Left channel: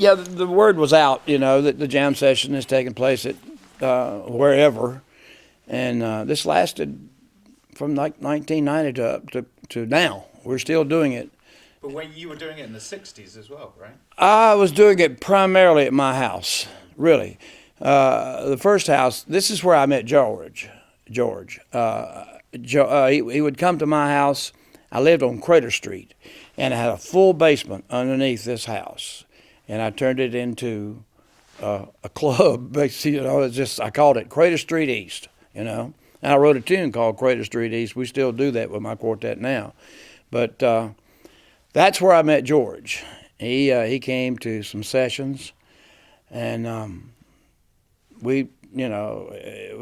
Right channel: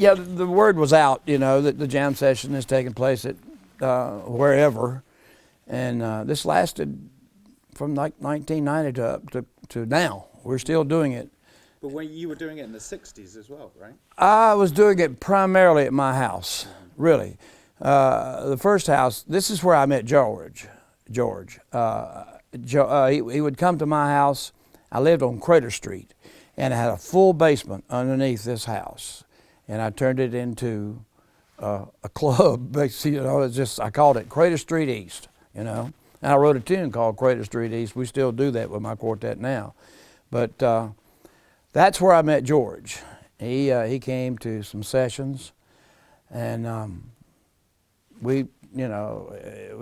Yeah, the word was out, that the jam session is taking place at wherever, and this lasted from like 1990 to now. We're still doing it. But when you were doing it in the '60s as well, right? I was doing it primarily at my house, really. The first house. This is where I met George. He would come to my house. I lived on Crater Street, and I had a full basement underneath this house, and I turned it into a club. Basically, it's just I called it Crater Street East. And I wrote a tune called Crater Street East. We still do that with my quartet now, but that's where I met George. He came to some sessions, and we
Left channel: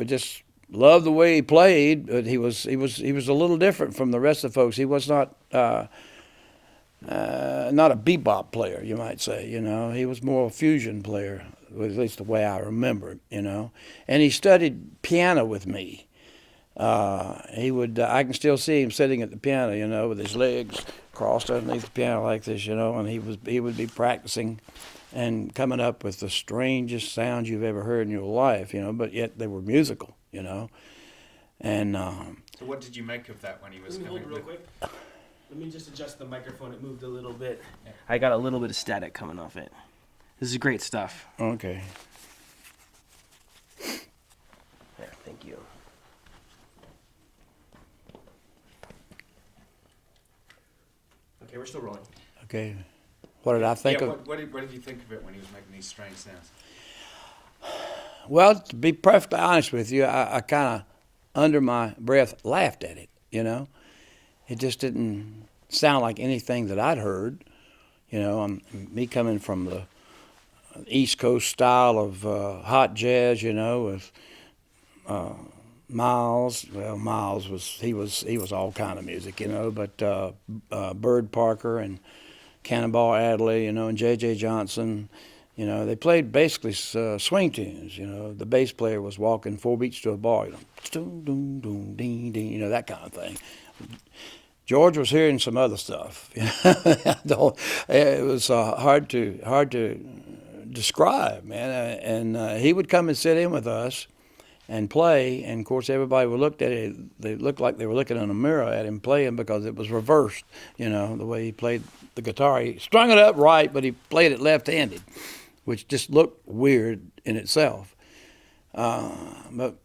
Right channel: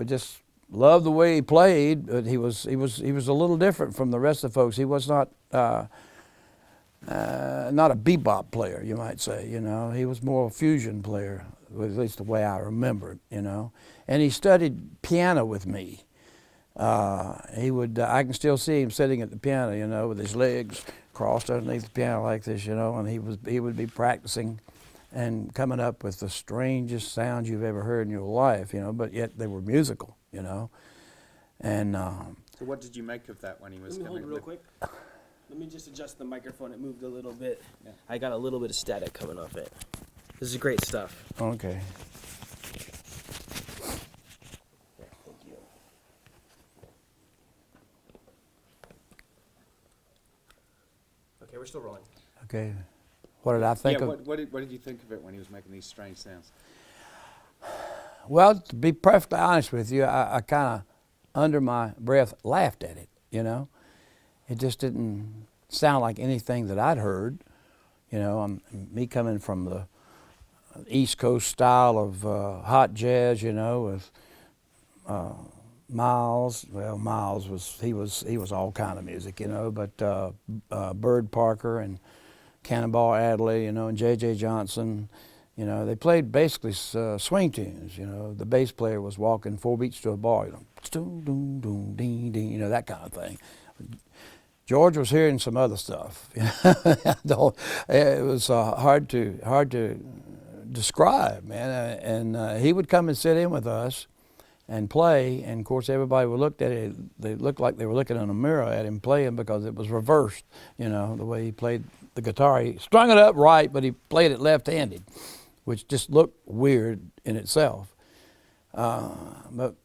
just loved the way he played. But he was a little different from the rest of the folks. He was not a bebop player, you might say. He was more a fusion player, at least the way I remember it. And he studied piano with me. I can still see him sitting at the piano, with his legs crossed underneath the piano like this, and he would be practicing and coming up with the strangest sounds you've ever heard in your life, but yet they were musical, and So what did you make of that when he was Let me coming? hold real quick. Let me just adjust the microphone. It moved a little bit. Yeah. I got a little bit of static coming off it. This is great stuff. okay. There, thank you. Okay, we're still rolling. Okay. What did I think of? What did you think of it when he was making these strange sounds? Well, to be perfectly honest with you, I kind of, under my breath, laughed at it, It just didn't sound like anything that I'd heard. Me coming from the East Coast style of hot jazz, with Miles. Well, Miles he was all kind of music, but Bird Parker and Cannonball Adderley, and J.J. Johnson. They played basically swing tunes. The bass player was walking 4 beats to a bar, that kind of thing. George was hearing some other stuff. It was hard to describe, man. And he would come and sit in with us and play. And of course, everybody would look at it. They looked like they were looking in a mirror at him playing because it was reversed. The way he played the guitar, he strung it up right, but he played it left-handed, which just looked weird in itself. But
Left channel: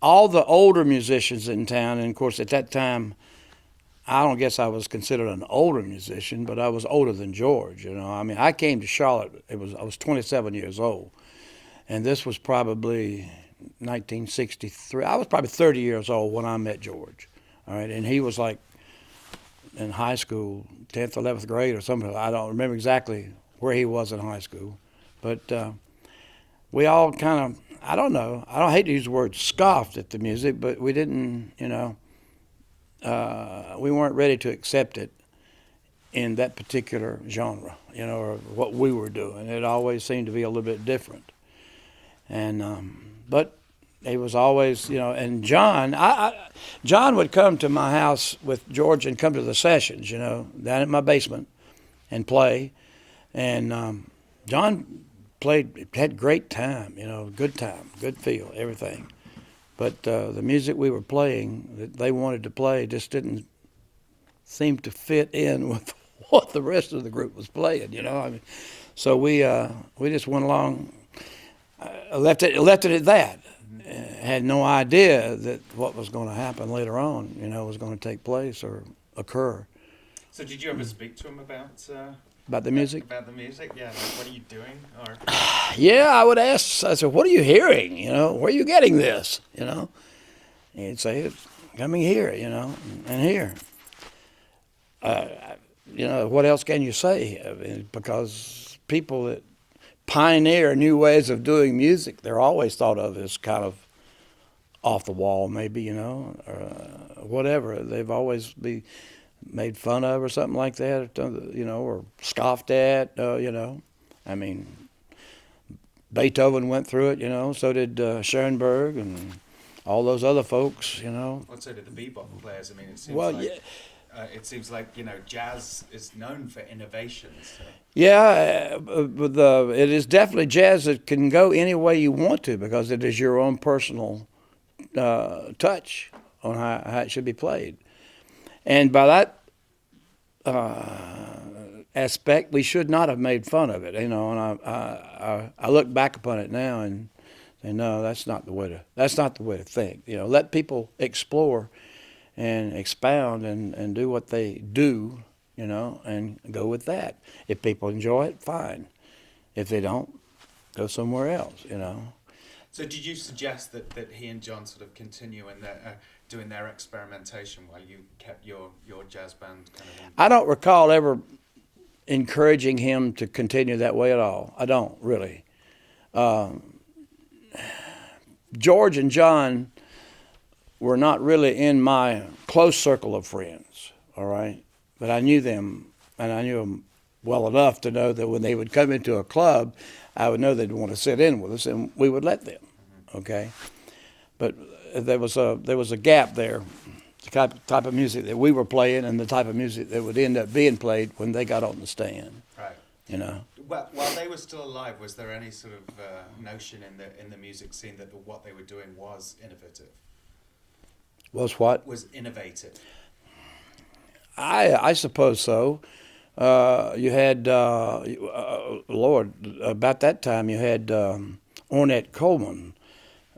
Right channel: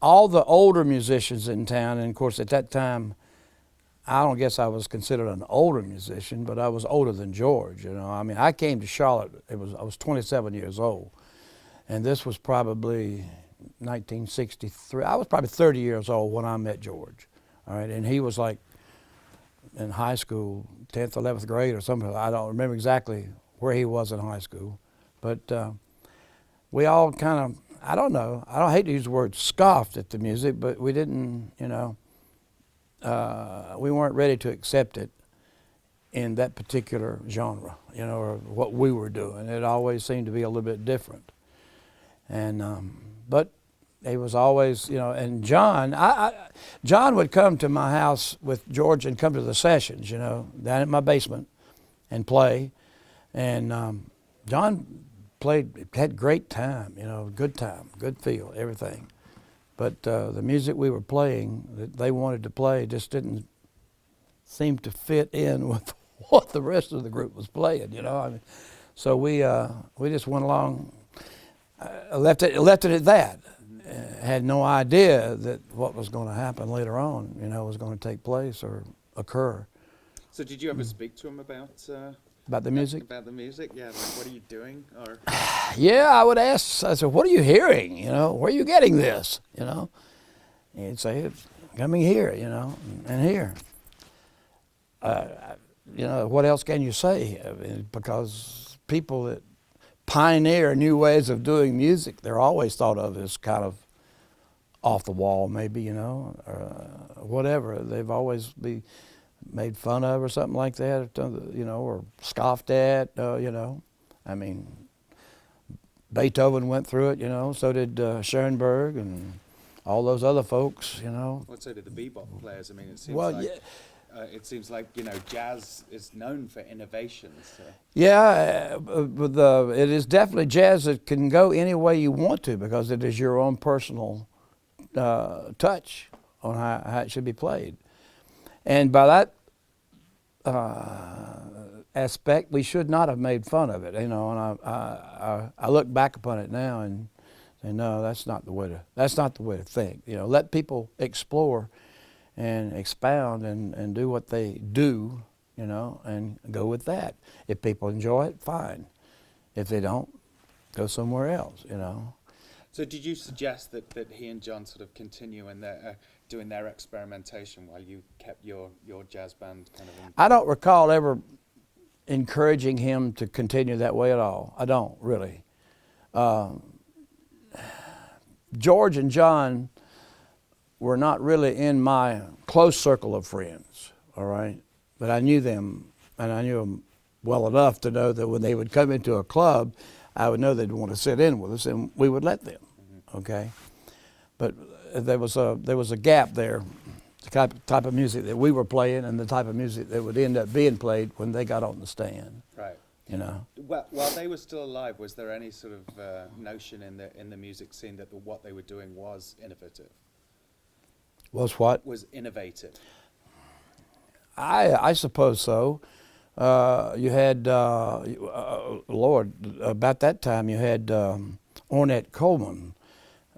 all the older musicians in town, and of course at that time, I don't guess I was considered an older musician, but I was older than George. I came to Charlotte. I was 27 years old, and this was probably 1963. I was probably 30 years old when I met George. All right, and he was like in high school, 10th, 11th grade or something. I don't remember exactly where he was in high school, but we all kind of, I don't know. I don't hate to use the word scoffed at the music, but we didn't, we weren't ready to accept it in that particular genre, or what we were doing. It always seemed to be a little bit different. And but it was always, and John would come to my house with George and come to the sessions, down at my basement and play. And John had great time, good time, good feel, everything. But the music we were playing that they wanted to play just didn't seem to fit in with what the rest of the group was playing, So we just went along, left it at that. Had no idea that what was going to happen later on, was going to take place or occur. So did you ever speak to him About the music? About the music, yeah. Like, what are you doing? Or Yeah, I would ask. I said, "What are you hearing? Where are you getting this? And he'd say, "It's coming here, and here." What else can you say? Because people that pioneer new ways of doing music, they're always thought of as kind of off the wall, maybe, or whatever. They've always be made fun of or something like that, or scoffed at, Beethoven went through it, so did Schoenberg and all those other folks, Well, so did the bebop players. It seems Well, like yeah. it seems like jazz is known for innovation. So. Yeah, but it is definitely jazz that can go any way you want to because it is your own personal touch on how it should be played. And by that aspect, we should not have made fun of it, And I look back upon it now and say, no, that's not the way to think. Let people explore and expound and do what they do, and go with that. If people enjoy it, fine. If they don't, go somewhere else. So did you suggest that he and John sort of continue in their doing their experimentation while you kept your jazz band kind of? I don't recall ever encouraging him to continue that way at all. I don't really. George and John were not really in my close circle of friends, all right? But I knew them, and I knew them well enough to know that when they would come into a club, I would know they'd want to sit in with us, and we would let them, okay? But there was a gap there, the type of music that we were playing and the type of music that would end up being played when they got on the stand. Right. While they were still alive, was there any sort of notion in the music scene that what they were doing was innovative? Was what? Was innovative. I suppose so. You had, Lord, about that time you had Ornette Coleman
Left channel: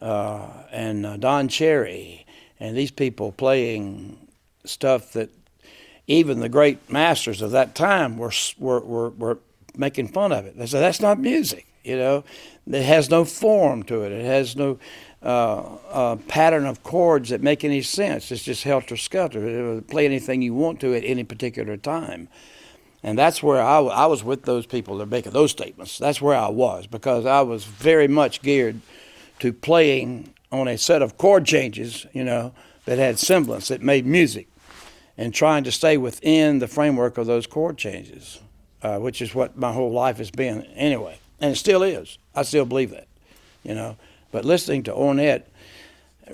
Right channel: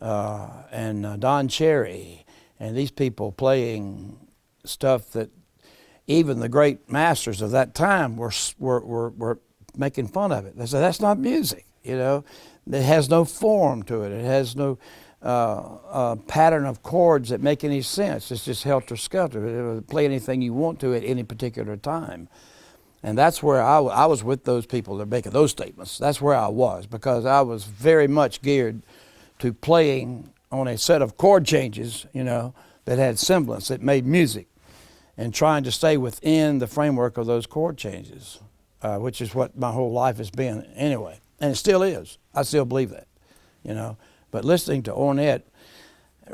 and Don Cherry, and these people playing stuff that even the great masters of that time were making fun of it. They said, that's not music, It has no form to it. It has no pattern of chords that make any sense. It's just helter-skelter. Play anything you want to at any particular time. And that's where I was with those people that are making those statements. That's where I was, because I was very much geared to playing on a set of chord changes, that had semblance, that made music, and trying to stay within the framework of those chord changes, which is what my whole life has been anyway. And it still is. I still believe that, But listening to Ornette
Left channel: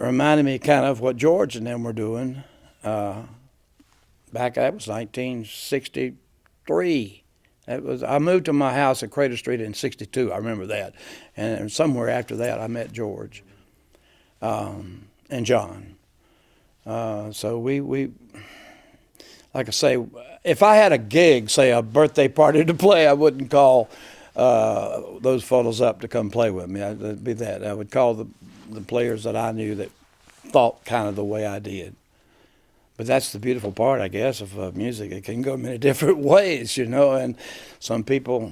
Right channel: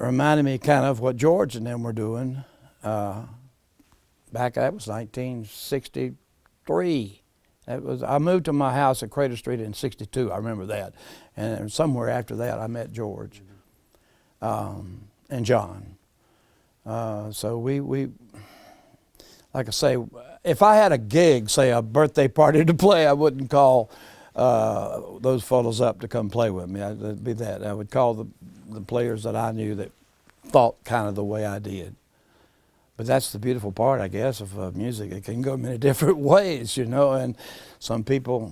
reminded me kind of what George and them were doing back, that was 1963. I moved to my house at Crater Street in 62, I remember that. And somewhere after that I met George and John. So we, like I say, if I had a gig, say a birthday party to play, I wouldn't call those fellows up to come play with me. It'd be that. I would call the players that I knew that thought kind of the way I did. But that's the beautiful part, I guess, of music. It can go many different ways, and some people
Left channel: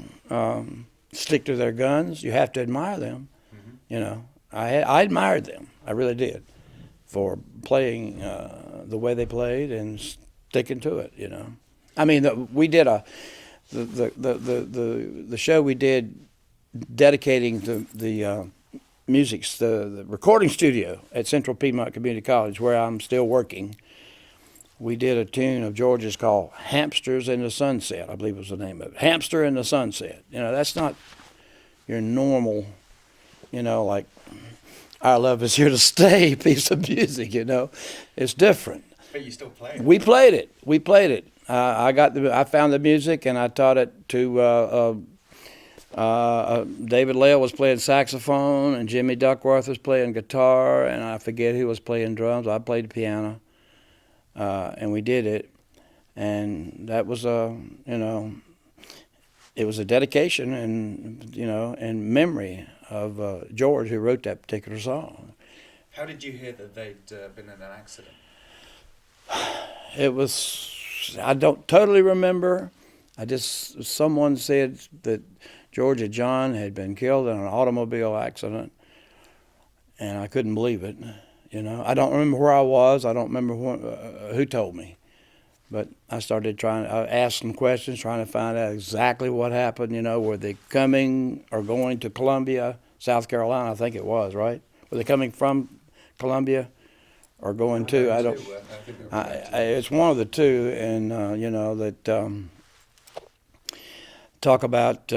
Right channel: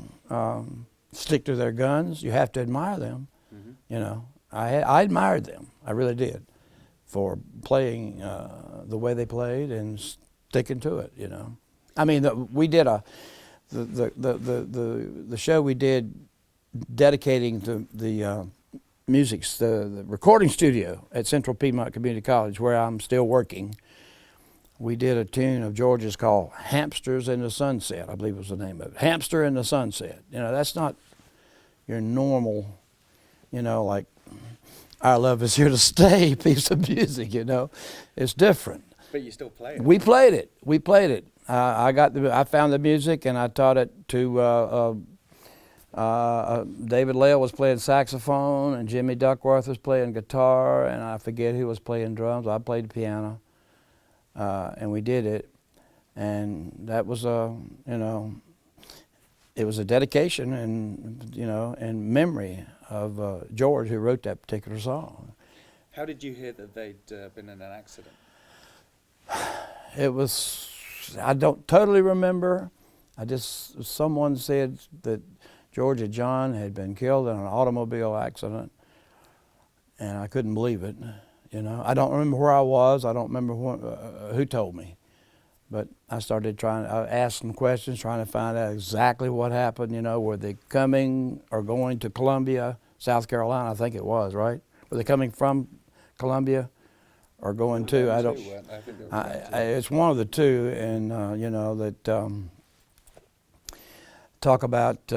stick to their guns. You have to admire them. I admired them. I really did, for playing the way they played and sticking to it, I mean, we did the show we did dedicating the music, the recording studio at Central Piedmont Community College, where I'm still working. We did a tune of George's called Hamsters in the Sunset, I believe was the name of it. Hamster in the Sunset. That's not your normal, like Our Love Is Here to Stay piece of music, It's different. But you still play it. We played it. I found the music and I taught it to David Lale was playing saxophone and Jimmy Duckworth was playing guitar and I forget who was playing drums. I played the piano, and we did it, and that was it was a dedication and memory of George, who wrote that particular song. How did you hear that they'd been in an accident? It was, I don't totally remember. Someone said that George and John had been killed in an automobile accident, and I couldn't believe it. I don't remember where I was. I don't remember who told me. But I started I asked some questions, trying to find out exactly what happened. Were they coming or going to Columbia, South Carolina? I think it was, right? Were they coming from Columbia or going to? I don't. It's one of the two, and that talk about.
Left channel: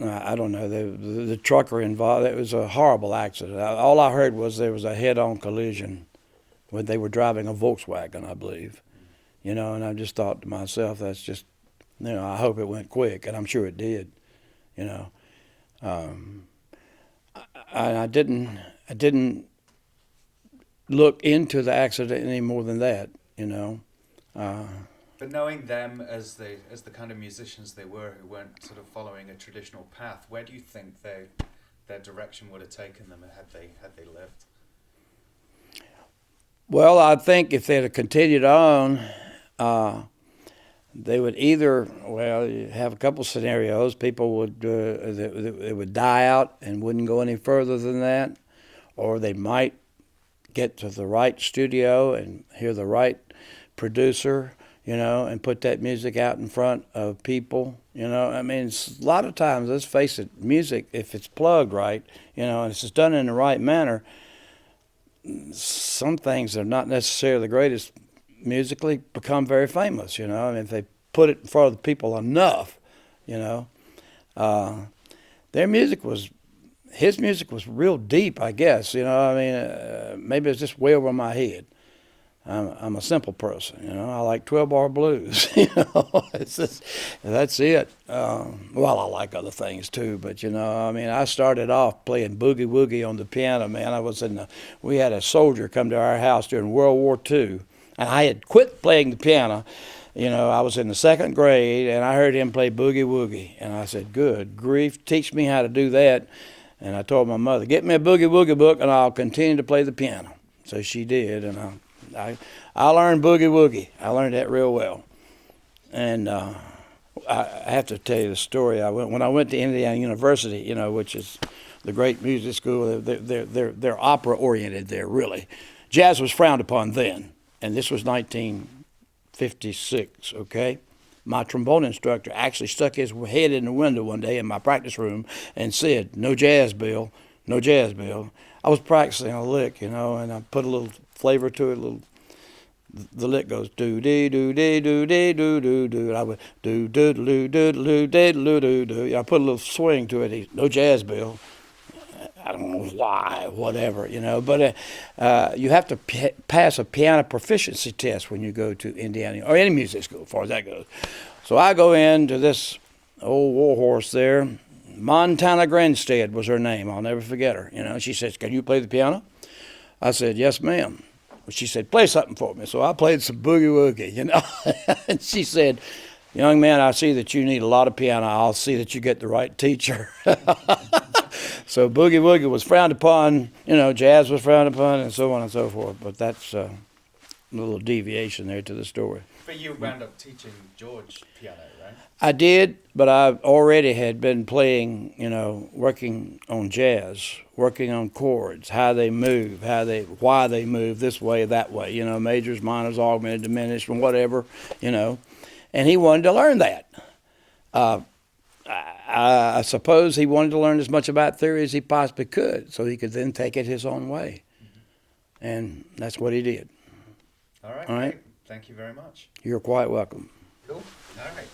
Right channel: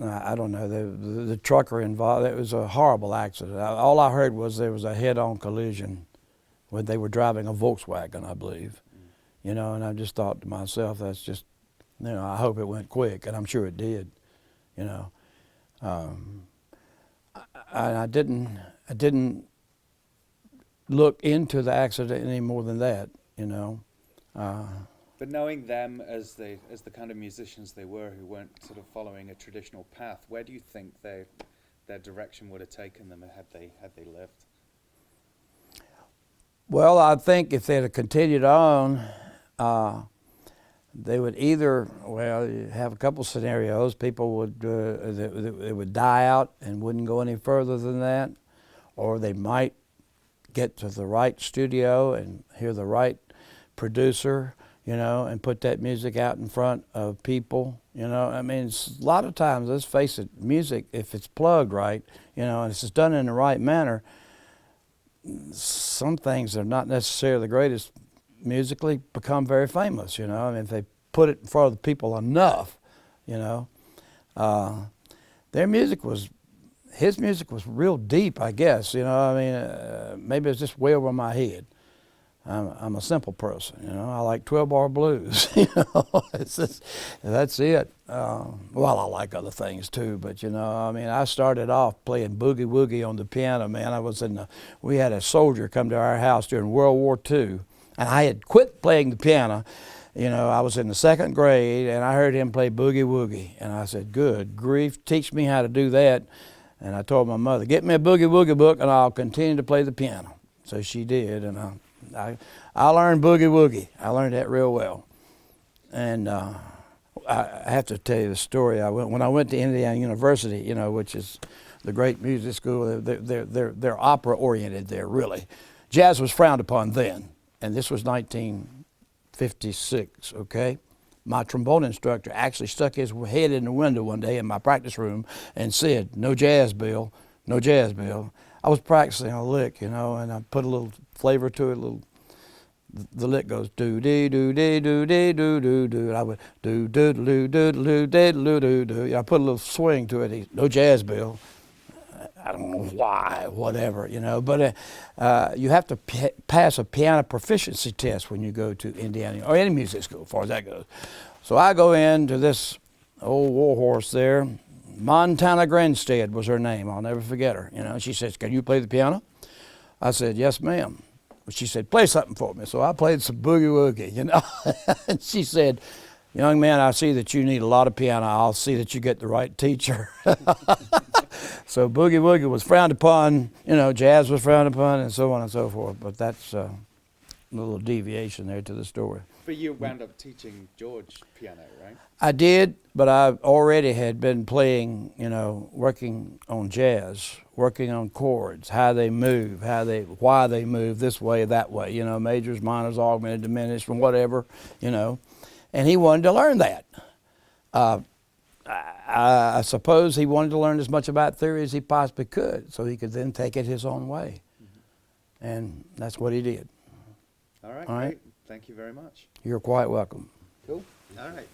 I don't know. The trucker involved. It was a horrible accident. All I heard was there was a head-on collision when they were driving a Volkswagen, I believe. You know, and I just thought to myself, that's just, you know, I hope it went quick, and I'm sure it did. You know, I didn't look into the accident any more than that. You know. But knowing them as the kind of musicians they were, who weren't sort of following a traditional path, where do you think their direction would have taken them had they lived? Well, I think if they'd have continued on, they would either, well, you have a couple scenarios. People would they would die out and wouldn't go any further than that, or they might get to the right studio and hear the right producer, you know, and put that music out in front of people. You know, I mean, a lot of times, let's face it, music, if it's plugged right, you know, and it's done in the right manner, some things that are not necessarily the greatest musically become very famous, you know. I mean, if they put it in front of the people enough, you know. His music was real deep, I guess, you know. I mean, maybe it's just way over my head. I'm a simple person, you know. I like 12-bar blues, you know. It's just, that's it. Well, I like other things too, but you know, I mean, I started off playing boogie woogie on the piano, man. We had a soldier come to our house during World War II, and I had quit playing the piano. You know, I was in the 2nd grade, and I heard him play boogie woogie, and I said, "Good grief, teach me how to do that." And I told my mother, "Get me a boogie woogie book, and I'll continue to play the piano." So she did, and I learned boogie woogie. I learned that real well. And I have to tell you the story. When I went to Indiana University, you know, which is the great music school. They're opera oriented there, really. Jazz was frowned upon then, and this was 1956. Okay. My trombone instructor actually stuck his head in the window one day in my practice room and said, "No jazz, Bill. No jazz, Bill." I was practicing a lick, you know, and I put a little flavor to it. The lick goes do dee do dee do dee do do do. I went do do do do do do do do do. I put a little swing to it. No jazz, Bill. I don't know why, whatever, you know. But you have to pass a piano proficiency test when you go to Indiana or any music school, as far as that goes. So I go into this old warhorse there. Montana Grinstead was her name. I'll never forget her. You know, she says, "Can you play the piano?" I said, "Yes, ma'am." She said, "Play something for me." So I played some boogie woogie, you know. And she said, "Young man, I see that you need a lot of piano. I'll see that you get the right teacher." So boogie woogie was frowned upon, you know, jazz was frowned upon, and so on and so forth. But that's a little deviation there to the story. But you wound up teaching George piano, right? I did, but I already had been playing, you know, working on jazz, working on chords, how they move, why they move this way, that way, you know, majors, minors, augmented, diminished, and whatever, you know. And he wanted to learn that. I suppose he wanted to learn as much about theory as he possibly could, so he could then take it his own way. And that's what he did. All right. All right. Great. Thank you very much. You're quite welcome. Cool. All right.